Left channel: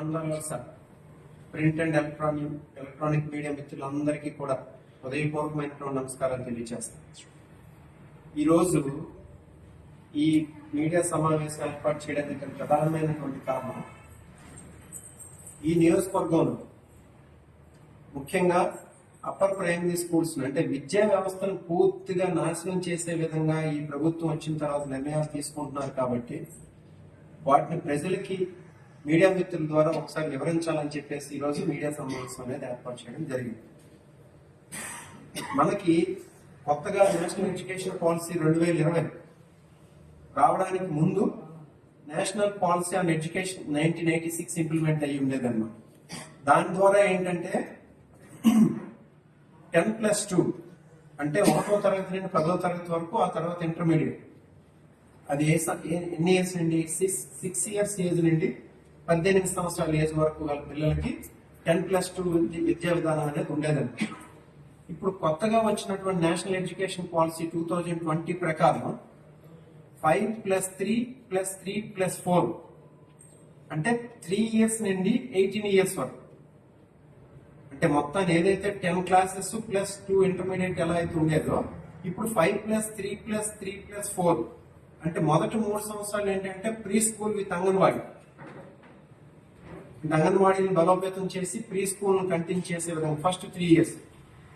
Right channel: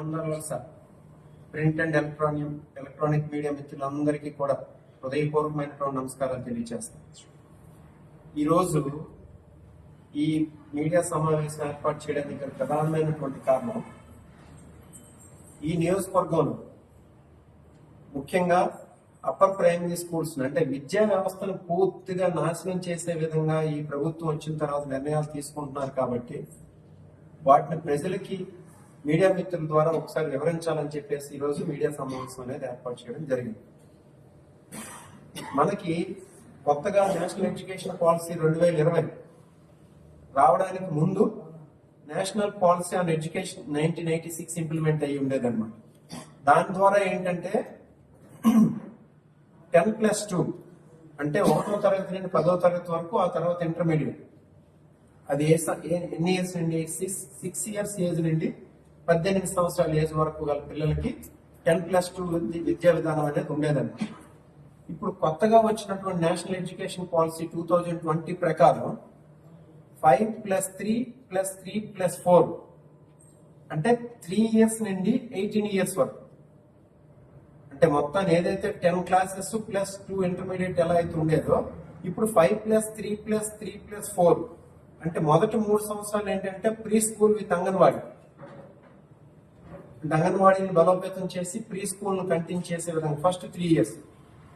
అందరూ print and electronic media మిత్రులందరికీ కూడా హృదయపూర్వకమైనటువంటి నమస్కారాలు తెలియజేస్తాను. ఈరోజు ఈ మీడియా సమావేశం ఏర్పాటు చేయడానికి ప్రధానమైనటువంటి కారణం, ఈ నియోజకవర్గంలో ముఖ్యంగా అప్పర్ ప్రైమరీ స్కూల్స్ అంటే విద్యా వ్యవస్థను పూర్తిగా నాశనం చేసే విధంగా ఈ ప్రభుత్వం వచ్చిన తర్వాత నిర్ణయాలు తీసుకుంటున్నారు. కాబట్టి వాటిని ప్రజలకి మీడియా మిత్రుల ద్వారా ఒకసారి వివరించాలని చెప్పేసి ఈరోజు మీడియా సమావేశం అనేది ఏర్పాటు చేయడం జరిగింది. మనకి కొత్తగా నేషనల్ ఎడ్యుకేషన్ పాలసీ 2020 రావడానికి ముందు national policy on education 1986 implement అయ్యి ఉండేదన్నమాట. దాని ద్వారా ఏంటంటే 10+2 అంటే 1వ తరగతి నుండి 10వ తరగతి వరకు, ఆ తర్వాత ఇంటర్మీడియట్. అది ఎన్ని ఇయర్స్ నుండి 6 ఇయర్స్ ఏజ్ నుండి 18 సంవత్సరాల ఏజ్ వరకు గల పిల్లలకి 10+2 విద్యా విధానం అనేది ఉండేదండి. ఇప్పుడు కొత్తగా వచ్చినటువంటి నేషనల్ ఎడ్యుకేషన్ పాలసీ 2020 ప్రకారం 5+3+3+4 అంటే 3 ఇయర్స్ నుండి 18 ఇయర్స్ వరకు, అంటే మొత్తం ఏదైతే 10 క్లాసెస్ ప్లస్ 2 ఇంటర్మీడియట్ ఎలా అయితే ఉండేదో, ఇప్పుడు 5+3+3+4 అంటే మొదటి 3 సంవత్సరాలు ఏంటంటే ప్రీ స్కూల్ విత్ అంగన్వాడీని బలోపేతం చేసి ప్రీ స్కూల్ ను కంటిన్యూ చేసే విధంగా ఫస్ట్ 3 ఇయర్స్,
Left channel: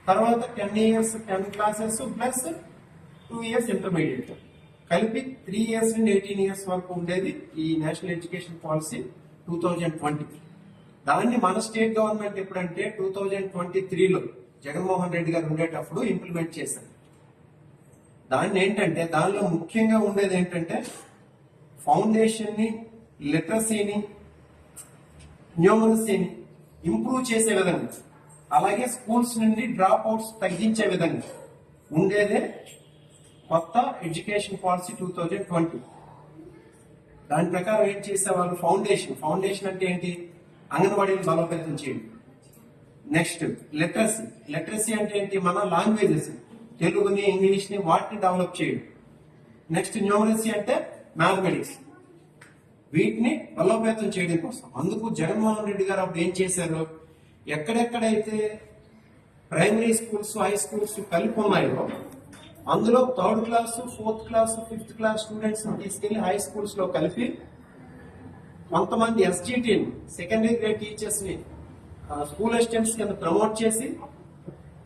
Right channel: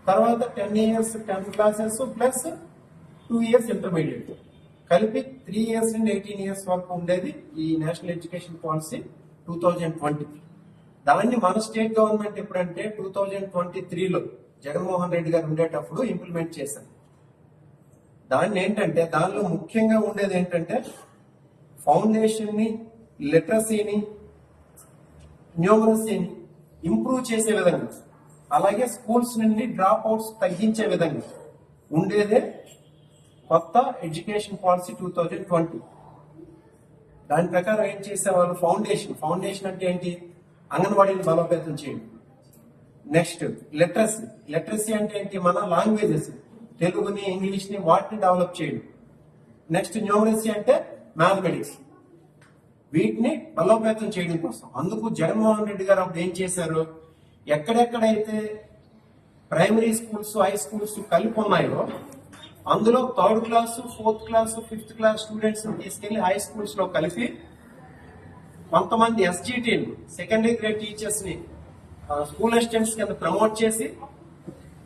తర్వాత 10 years 10 classes plus 2 years intermediate, కలిపి 3 ఇయర్స్ నుండి 18 ఇయర్స్ వరకు ఉండేది ఈ నేషనల్ ఎడ్యుకేషన్ పాలసీ 2020. దాన్ని మన స్టేట్ గవర్నమెంట్ ఎప్పుడంటే 2023లో జగన్మోహన్ రెడ్డి గారు ఉండేటప్పుడు ఇంప్లిమెంట్ చేశారు. దాన్ని ఏంటంటే దానిలో ముఖ్యంగా ఉండేది ఏంటంటే ఫౌండేషన్ ని, లిటరసీని, న్యూమరసీని ఇంప్రూవ్ చేసే విధంగా, అలాగే స్కూల్స్ నుండి డ్రాప్ అవుట్స్ తగ్గించే విధంగా ఉండేదే కొత్త ఎడ్యుకేషన్ పాలసీ 2020. దాని ప్రకారం ఏం చేసేవాళ్ళు, ఫౌండేషన్ అంటే ఏంటి, అంగన్వాడీని బలోపేతం చేయడం. నెక్స్ట్ లిటరసీ అంటే ఏంటి, మన లాంగ్వేజెస్ తెలుగుని, ఇంగ్లీష్ ని వాటిని డెవలప్ చేయడం. నెక్స్ట్ న్యూమరసీ అంటే మ్యాథమెటిక్స్, వీటిని బలోపేతం చేయడం కోసం. అందుకు జగన్మోహన్ రెడ్డి గారు అప్పుడు ఏం చేశారు, ఎక్కడెక్కడైతే ప్రైమరీ స్కూల్స్, హై స్కూల్స్ కలిపి ఉన్నాయో అందులో 3rd class, 4th class, 5th class students తీసుకెళ్లి హై స్కూల్స్ లో కలిపి కొంతమంది ఎస్జిటిని, సెకండరీ గ్రేడ్ టీచర్స్ ని స్కూల్ అసిస్టెంట్స్ కింద ప్రమోట్ చేసి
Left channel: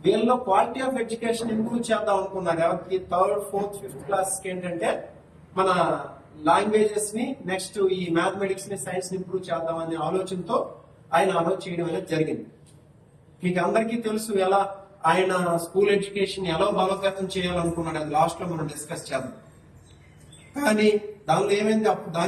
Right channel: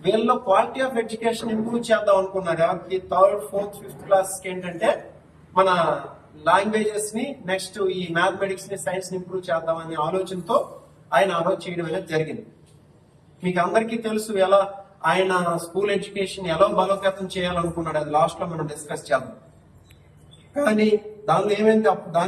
వీళ్ళలో క్వాలిటీ ఆఫ్ ఎడ్యుకేషన్ ఇంప్రూవ్ చేద్దాం అనుకున్నారు. ఎవరికి 3rd, 4th, 5th క్లాస్ ఏంటంటే మన లాంగ్వేజెస్ ని, నెక్స్ట్ ఈ మ్యాథమెటిక్స్ ని, సైన్స్ ని ఇంప్రూవ్ చేద్దామనే ఆలోచనతో ఆయన ఆలోచన చేయడం అనేది జరిగింది. మీకు అందరికీ తెలుసు ఎలా ఆయన స్కూల్ ఎడ్యుకేషన్ ఎలా బలోపేతం చేయాలనుకున్నాడు. అది లాస్ట్ లో మనం డిస్కస్ చేద్దాం. కానీ దానిలో ఏమైంది,